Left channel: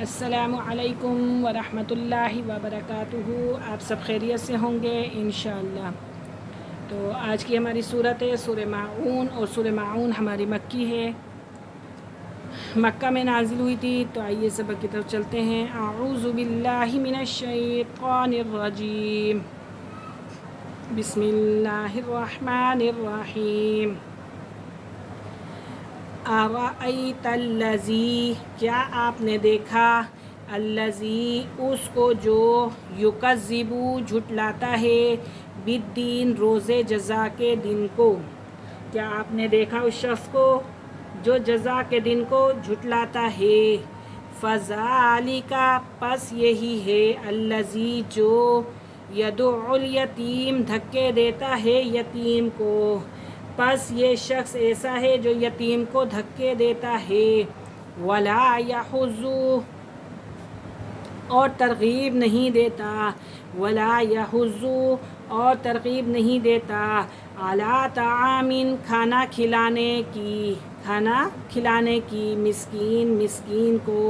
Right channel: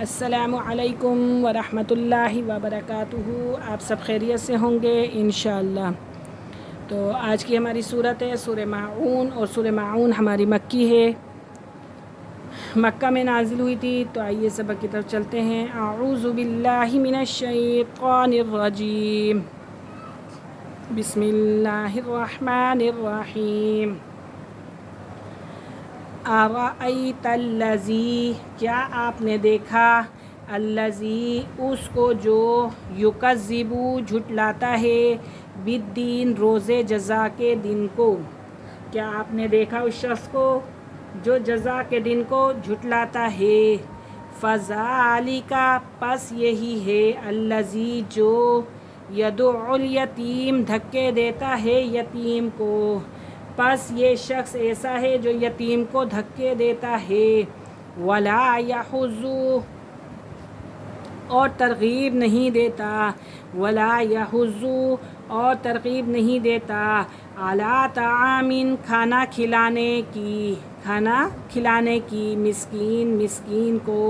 السلام علیکم ورحمۃ اللہ وبرکاتہ۔ آپ سب خیریت سے ہوں گے انشاءاللہ۔ تو آج کی ہماری صورت ہے سورہ ماعون، اور سورہ ماعون ہماری مکی ہے، مکہ میں نازل ہوئی تھی۔ تو آئیے سبق کی طرف چلتے ہیں۔ اعوذ باللہ من الشیطان الرجیم، بسم اللہ الرحمن الرحیم۔ ارأیت الذی، کیا آپ نے دیکھا، الذی، اس کو جو، یکذب، جھٹلاتا ہے، بالدین، روز جزا کے دن کو۔ کیا آپ نے دیکھا اس شخص کو جو جزا کے دن کو جھٹلاتا ہے؟ فذالک، پس یہی ہے، الذی، جو، یدعو الیتیم، دھکے دیتا ہے یتیم کو، پس یہ شخص ایسا ہے جو یتیم کو دھکے دیتا ہے۔ ولا یحض، اور ترغیب نہیں دیتا، ولا یحض، اور ترغیب نہیں دیتا، علی طعام، کھانا کھلانے کی، مسکین کو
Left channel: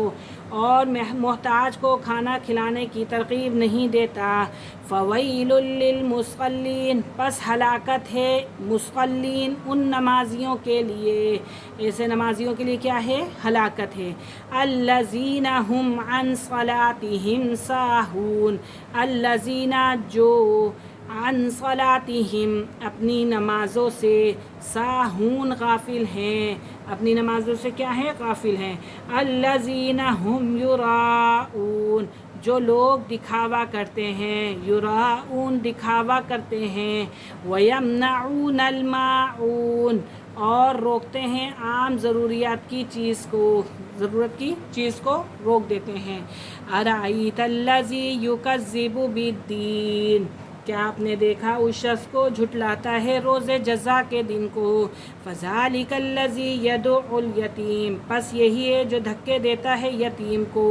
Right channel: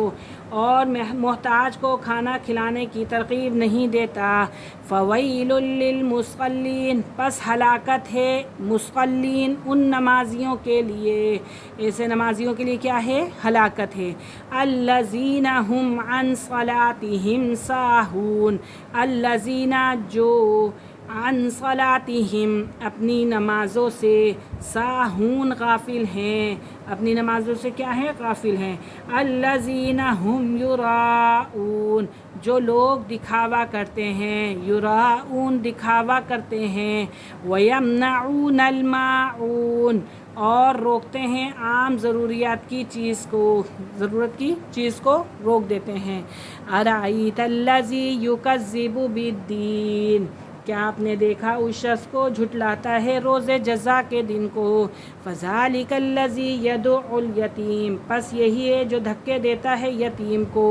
اور محتاج کو کھانا کھلانے کی ترغیب نہیں دیتا۔ فویل للمصلین، پس ہلاکت ہے مصلین، ان نمازیوں کے لیے، ایسے نمازیوں کے لیے کیا ہے؟ ہلاکت ہے۔ الذین ھم عن صلاتہم ساہون، الذین، جو، عن صلاتہم، اپنی نمازوں سے، ساہون، غافل ہیں، اپنی نمازوں سے کیا ہے؟ غافل ہیں۔ الذین ھم یراؤون، جو لوگ دکھاوا کرتے ہیں، یراؤون، دکھاوا کرتے ہیں، ویمنعون الماعون، اور روکتے ہیں عام ضروریات کی چیز کو، ضرورت کی چیز کو روک دیتے ہیں۔ ارأیت الذی یکذب بالدین، کیا آپ نے دیکھا اس شخص کو جھٹلاتا ہے روز جزا کے دن کو؟ فذالک الذی یدعو الیتیم، پس یہی ہے جو دھکے دیتا ہے یتیم کو۔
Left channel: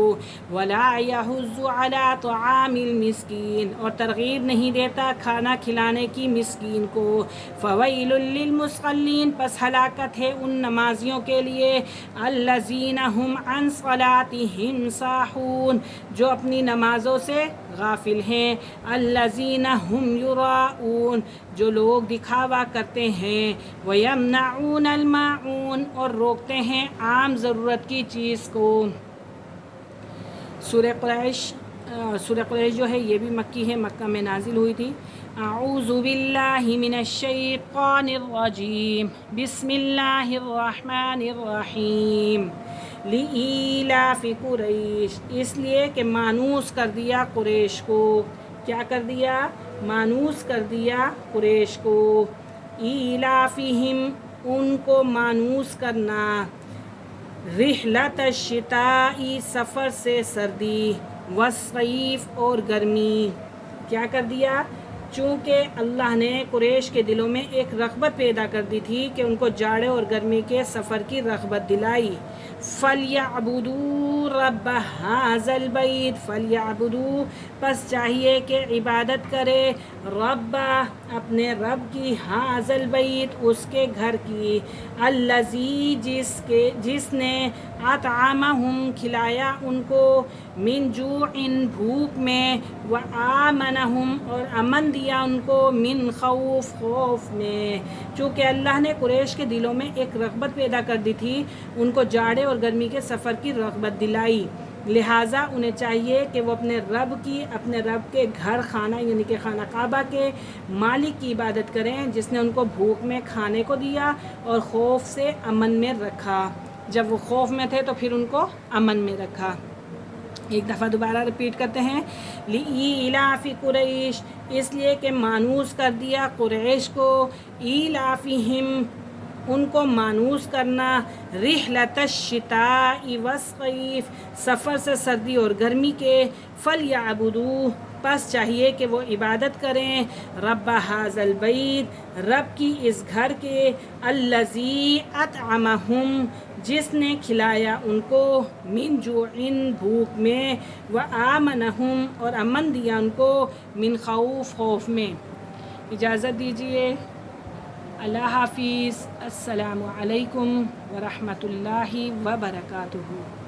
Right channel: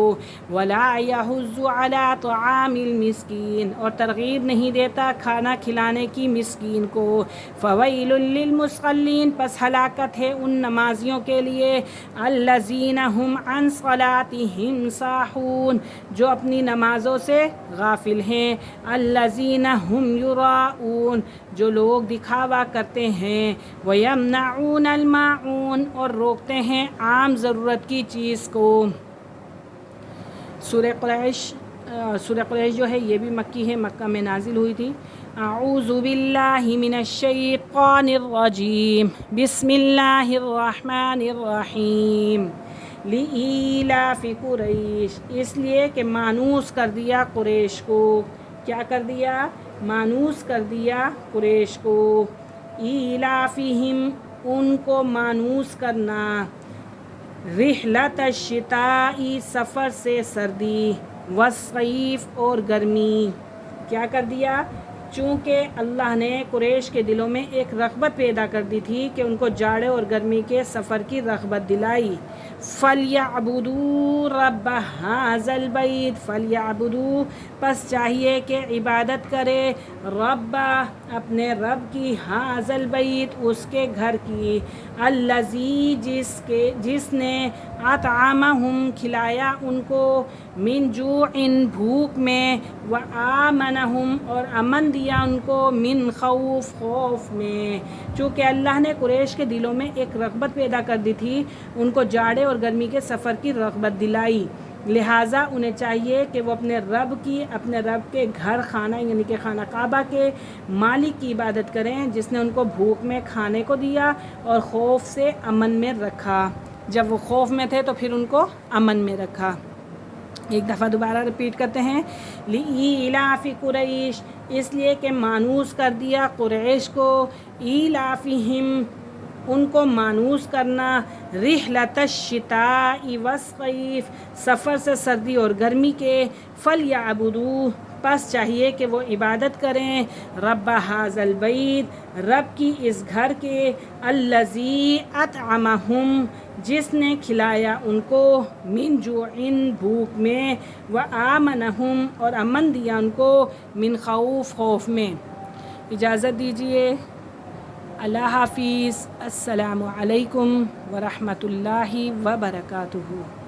ولا یحض علی طعام المسکین، اور ترغیب نہیں دیتا کھانا کھلانے کی مسکین کو۔ فویل للمصلین، پس ہلاکت ہے ان نمازیوں کے لیے، الذین ھم عن صلاتہم ساہون، جو اپنی نمازوں سے غافل ہیں، الذین ھم یراؤون، جو لوگ دکھاوا کرتے ہیں، ویمنعون الماعون، اور روکتے ہیں عام ضرورت کی چیز کو۔ سورہ قریش جو ہے یہ بھی مکی ہے، مکہ میں نازل ہوئی تھی۔ اعوذ باللہ من الشیطان الرجیم، بسم اللہ الرحمن الرحیم۔ لإیلاف قریش، اس لیے کہ مانوس کر دیا قریش کو، کیا کر دیا؟ مانوس کر دیا قریش کو۔ ایلافہم، ان کو مانوس کرنا، رحلۃ الشتاء، سفر سے سردی، والصیف، اور گرمی، کیا کر دیا؟ چونکہ اللہ نے قریش کے دلوں میں ایک رغبت پیدا کر دی تھی کہ ان کو جاڑے اور گرمی کے سفر کی رغبت دلائی۔ فَلْيَعْبُدُوا رَبَّ هَٰذَا الْبَيْتِ، فَلْيَعْبُدُوا، پس چاہیے کہ عبادت کرے، رب، اپنے رب کی، هَٰذَا الْبَيْتِ، اس کے گھر کی، الَّذِي، جس نے، اطعمہم، کھلایا ان کو، من جوع، بھوک میں، وآمنہم، اور امن دیا ان کو، من خوف، خوف میں۔ چونکہ اللہ نے قریش کے دلوں میں ایک رغبت پیدا کر دی تھی، ان کو جاڑے اور گرمی کے سفر کی رغبت دلائی، لہٰذا انہیں چاہیے کہ وہ اپنے رب کے گھر، خانہ یعنی کہ خانہ کعبہ کے مالک کی عبادت کریں، جس نے ان کو بھوک میں کھانے کو دیا اور خوف سے امن میں رکھا۔ جب وہ خوف میں تھے تو پھر ان کو امن میں رکھا۔ ایک دفعہ دوبارہ ریپیٹ کرتے ہیں۔ لإیلاف قریش، اس لیے کہ مانوس کر دیا قریش کو، ایلافہم، ان کو مانوس کرنا، رحلۃ الشتاء والصیف، سفر سے سردی اور گرمی کے، فلیعبدوا، پس چاہیے کہ وہ عبادت کریں، رب ھذا البیت، رب کی اس گھر کے، الذی اطعمہم، جس نے کھلایا ان کو، من جوع، بھوک میں، وآمنہم، اور امن دیا ان کو، من خوف، خوف میں۔ اجازت دیجیے، اللہ حافظ، السلام علیکم ورحمۃ اللہ وبرکاتہ۔